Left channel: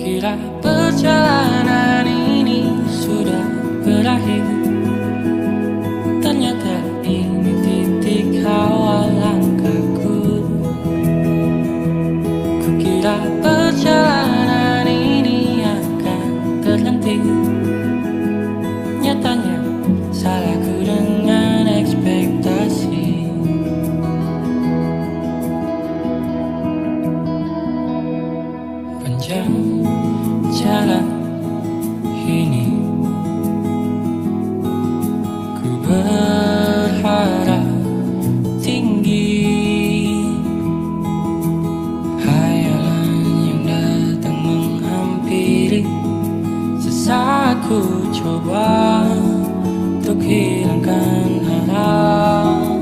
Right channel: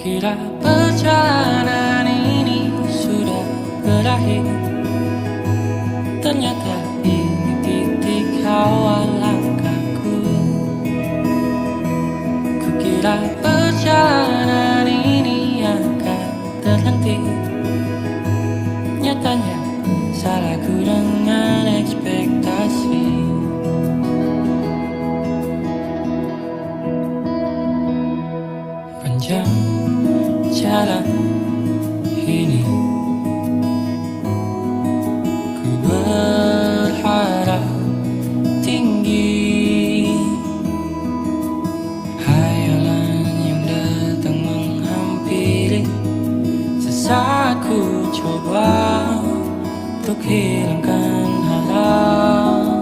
Kira perjalanan ini sudah berakhir, ternyata ini titik awal langkahku. Kukira perjalanan ini akan terhenti, nyatanya salahku dengan ekspektasi. Panjang jalan ini, ku berharap tinggi. Hayalan yang datang menghampiri, sesaat ku coba untuk hilangkan harap.